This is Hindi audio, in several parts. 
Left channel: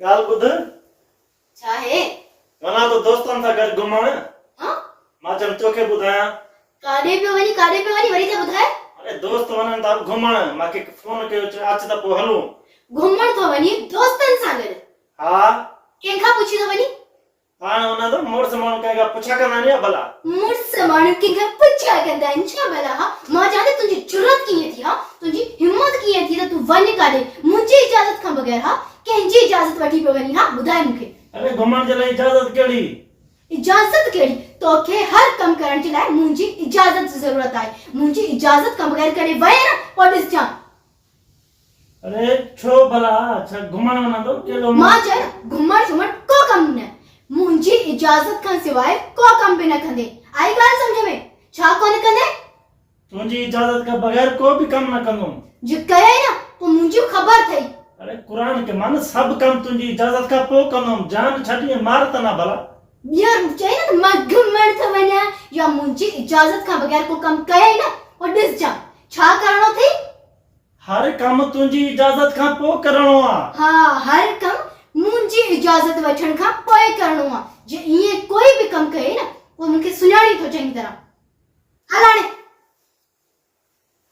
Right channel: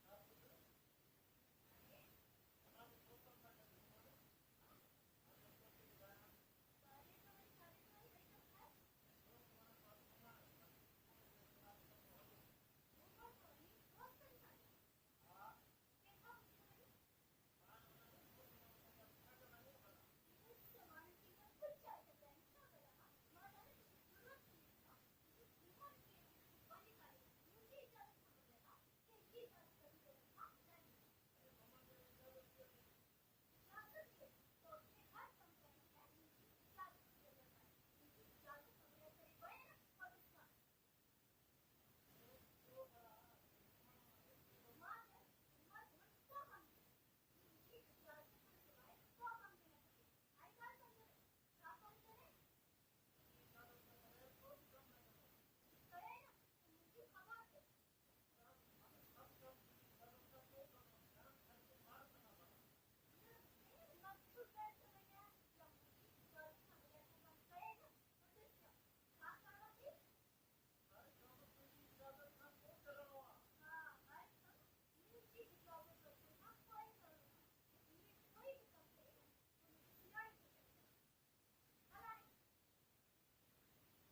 गाल ॿुध छा है? वञा तो दोस्तनि सां गॾु घुमण। हाँ? मां चयमि तोखे ॿुधायां। काॾे पियो वञी वरी त ॿुधाए। अरे दोस्त वञनि था घुमण, मूंखे फोन कयो चयो अच त पोइ हलूं। घुमण थो वञी दोस्तनि सां गॾु? हा कंहिंखां पुछी थो वञी? हाणे हुन तो मुड़ुस माण्हू कंहिंखां पुछा कंदा आहिनि या भला? मुड़ुस माण्हू कंहिंखां पुछा कंदा आहिनि छा भला? हा मां चवां थी तुंहिंजी जुरत कीअं थी? हा तुंहिंजी हिम्मत कीअं थी त तूं वञ काॾे मुंहिंजी इजाज़त खां बगैर? हा कंहिंजी इजाज़त वठी पियो वञी? हा ॿुधाए मूंखे। अरे घुमण जे लाइ इजाज़त कहिड़ी? इजाज़त कहिड़ी? तोखे हर कम करण जे लाइ मुंहिंजी इजाज़त जी ज़रूरत आहे। मुंहिंजी इजाज़त खां बगैर कॾहिं वञे न पोइ ॾिसजां। अरे छो भला छा घुमण वञा तो कहिड़ो? मां चयो न घुमण को कम न, मुंहिंजी इजाज़त खां सवाइ को कम बि न कंदे। आई ॻाल्हि सम्झ में? छा कोन कंदे? तुंहिंजी इजाज़त खां बगैर को बि कम न कंदुमि। जो कयई न पोइ मुंहिंजी ख़बर अथई। अरे कुरान के मान सब कम तुंहिंजी इजाज़त खां पोइ कंदुमि, जान छॾी मार त न भला। यार चई न मां घुमण थो वञा या मुंहिंजी इजाज़त खां बगैर को कम कयई न पोइ ॾिसजां छा करणो अथई। हर कम तुंहिंजी इजाज़त खां पोइ करणो आहे। हा हर कम मुंहिंजी इजाज़त वठण खां पोइ करणो आहे। जे ईअं कोई बि कम कयई न पोइ मूंखे सुञाणी थो चङी तरह। हल हाणे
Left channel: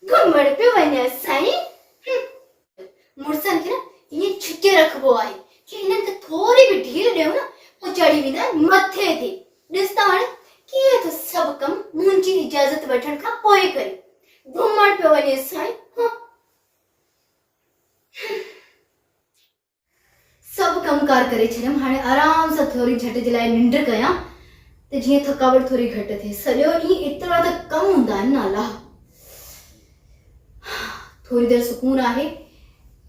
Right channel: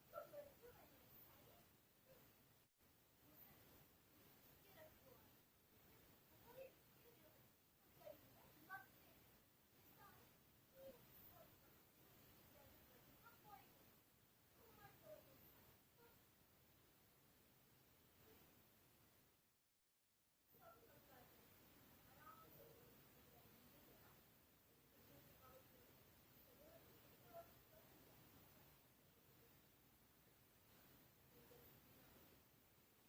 घुमण पियो वञे साईं। मुड़ुसनि खे न ईअं छिके रखिबो आहे कि इन्हनि खे थोरी बि ढील ॾियो न पोइ चढ़ी वेंदा आहिनि मथे ते। ॾिस त हाणे कीअं थो सभु कम मुंहिंजी इजाज़त वठण खां पोइ करे। घुमण पियो वञे साईं। सब कमकार करे छॾियमि, हाणे आराम सां थोरी झटि जे लाइ निंड कयां त जीअं थकावट थोरी घटि थिए। सॼो ॾींहुं एतिरा त कम हूंदा आहिनि न अलाह। थोरी देरि सुकून आहे,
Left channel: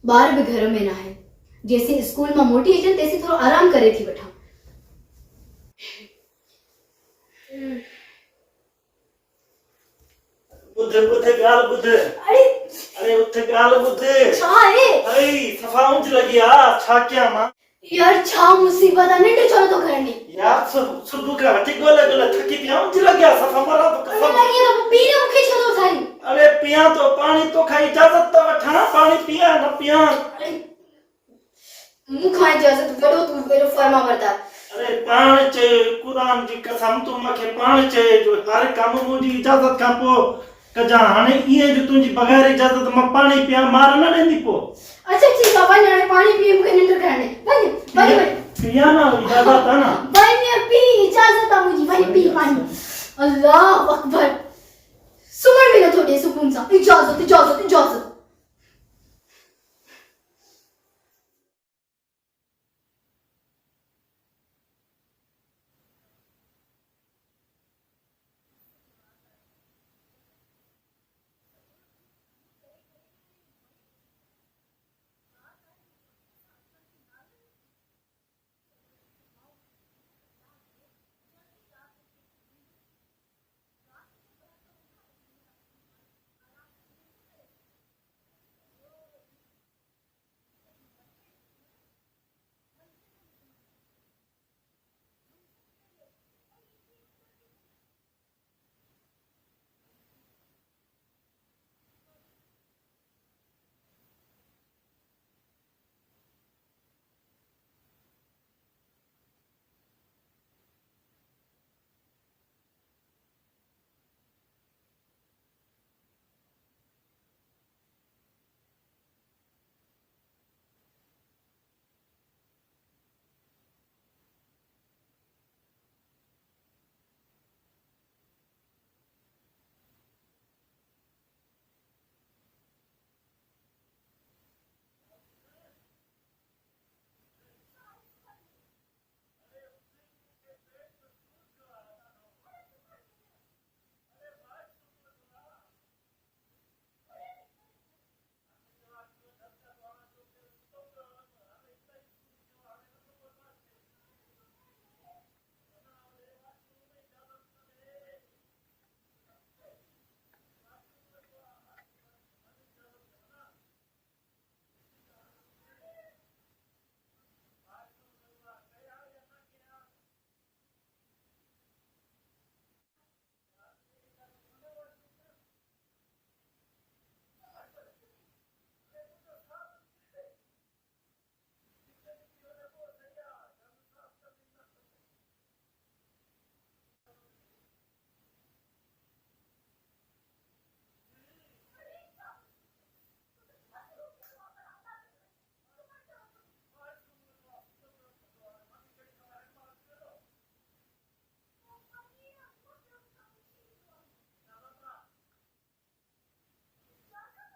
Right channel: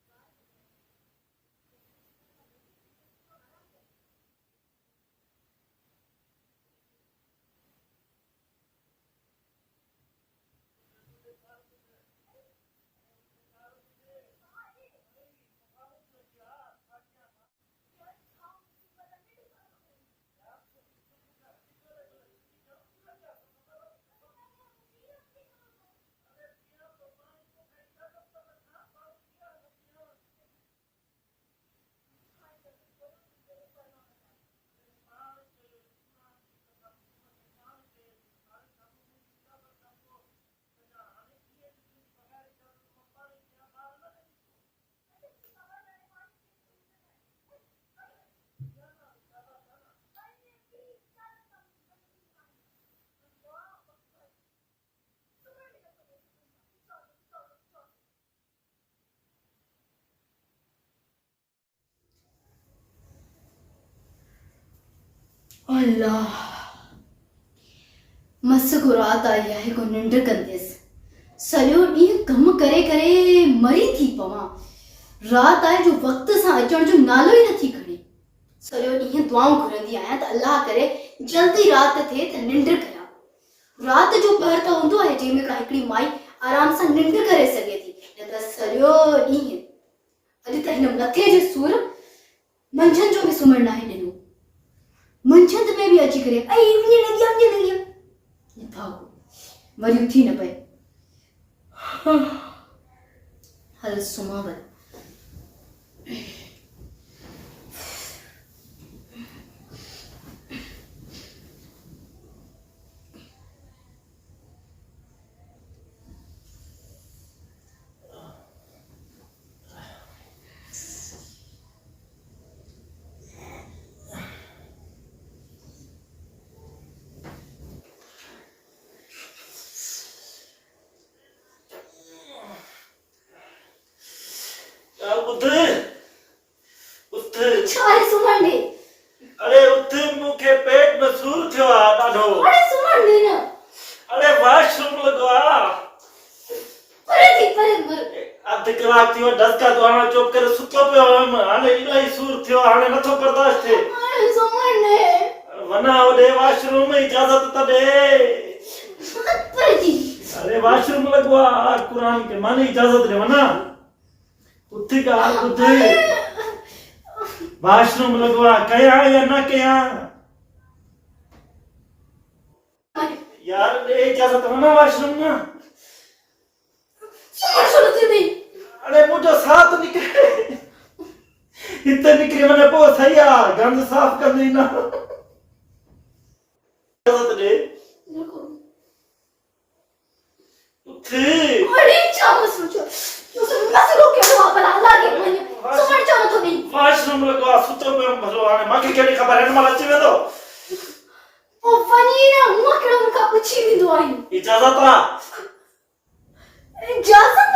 ॿार बि घर में न आहे। जेसीं स्कूल मां मोटी अचनि तेसीं थोरो आराम करे थी वठां। ॿुध ॻाल्हि ॿुध। अरे उठ ॻाल्हि ॿुध। छा आहे? अरे सफ़ा ऊंच लॻी आहे, छा कयां मां? यार छा मुसीबत आहे? निंड छो नथो करणी? यार सुबुह खां वठी ॻोल्हे थकी पिया, ऊंच लॻी आहे सफ़ा मरां तो कसम। लॻी त पोइ पीउ मूंखे छो थो उथारी? अरे पियां तो पाणी, तोखां इजाज़त त वठां, पाणी पियां न पियां? मूंखां इजाज़त वठो, तूं पहिरियों फर्मा बरदार। अरे पाण चए कुरान जी कसम, तूं मूंखे पाण चए जो हर कम मुंहिंजी इजाज़त खां पोइ कजां। हाणे ईअं जो तुंहिंजी बग़ैर इजाज़त मां पाणी पियां, मार न ॾींदी पोइ? अच्छा ठीक आहे वञ हाणे पाणी पी, मूंखे निंड करणी। वञ पियां न, इजाज़त आहे न? वञ पी, इजाज़त आहे मुंहिंजी, वञ पी पाणी। अल्लाह अकबर, सुम्हण बि नथो ॾे सुकून सां। इजाज़त इजाज़त इजाज़त। अल्लाह मस को रात आई आहे को निंड कंदसि। सॼो ॾींहुं कम करे करे मरी थी पवां। रात आहे जो वक़्त सां अचण जो नालो ई नथी खणे। सॼो ॾींहुं दुआऊं घुरंदी आहियां त अल्लाह करे जल्दी रात थिए त निंड कयां। रात जो पहर त हूंदो आहे जंहिंमें का हिकिड़ी माई आराम सां निंड करे सघे थी, न त सॼो ॾींहुं। अॼु त हिन मथे जे सूर मंझंदि जो बि सुम्हण न आहे ॾिनो। मंझंदि में बि अची करे लॻी वरी उथी न पए। हल सुम्हां वञ। अरे उठ, मूंखे पेट में सूर थियो आहे ॾाढो। अरे वॉशरूम लॻो आहे। अधु कलाक थियो डस्का तो हाणे चुप करे सुतो पियो हुयमि, हाणे इलाही सूर थियो, हाणे नथो बर्दाश्त थिए। वञा होॾे वॉशरूम, इजाज़त त ॾे। अरे वॉशरूम लॻो आहे, कुरान के माने इजाज़त ॾे। वञा उथ ॻाल्हि ॿुध। वॉशरूम लॻो आहे, कयां या न कयां? यार ॾे इजाज़त, वञा वॉशरूम न। अरे मुझे साथ निकले हिते निकिरी वञे पोइ सही आहे गंद साफ़ कंदी न इजाज़त ॾे उथि अरे जाम सोचो मसलो कहिड़ो आहे भला अलाह खे मञ सुम्हण छो नथो ॾेई वाशरूम लॻो आहे सुतो पियो भलो हाणे मूंखे कहिड़ी ख़बर हिन महिल अची वेंदो ओ वञी न हूअं कहिड़ो मूंखां पुछी वेंदो आहे इजाज़त आहे इजाज़त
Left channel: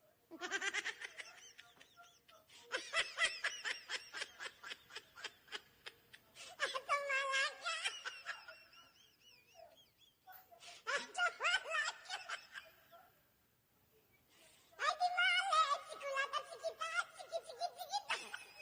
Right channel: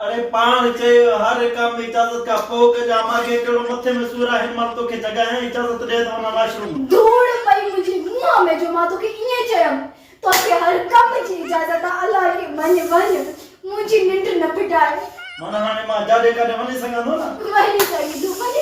अरे पाण चयो हर कम में इजाज़त का पोइ कजा मूंखे कहिड़ो मथे में सूर आहे हिन महिल तोखे जॻह इजाज़त ॾे त वञा वाशरूम धूड़ पई मुंहिंजे मुंहं में जो मां तोखे ईअं चयमि तोखे हर कम जी इजाज़त आहे अलाह खे मञ वञ मुंहिंजी निंड न फिटाए माना हाणे मां जाॾे काॾे वञी सघंदो न वञी सघी तूं वञी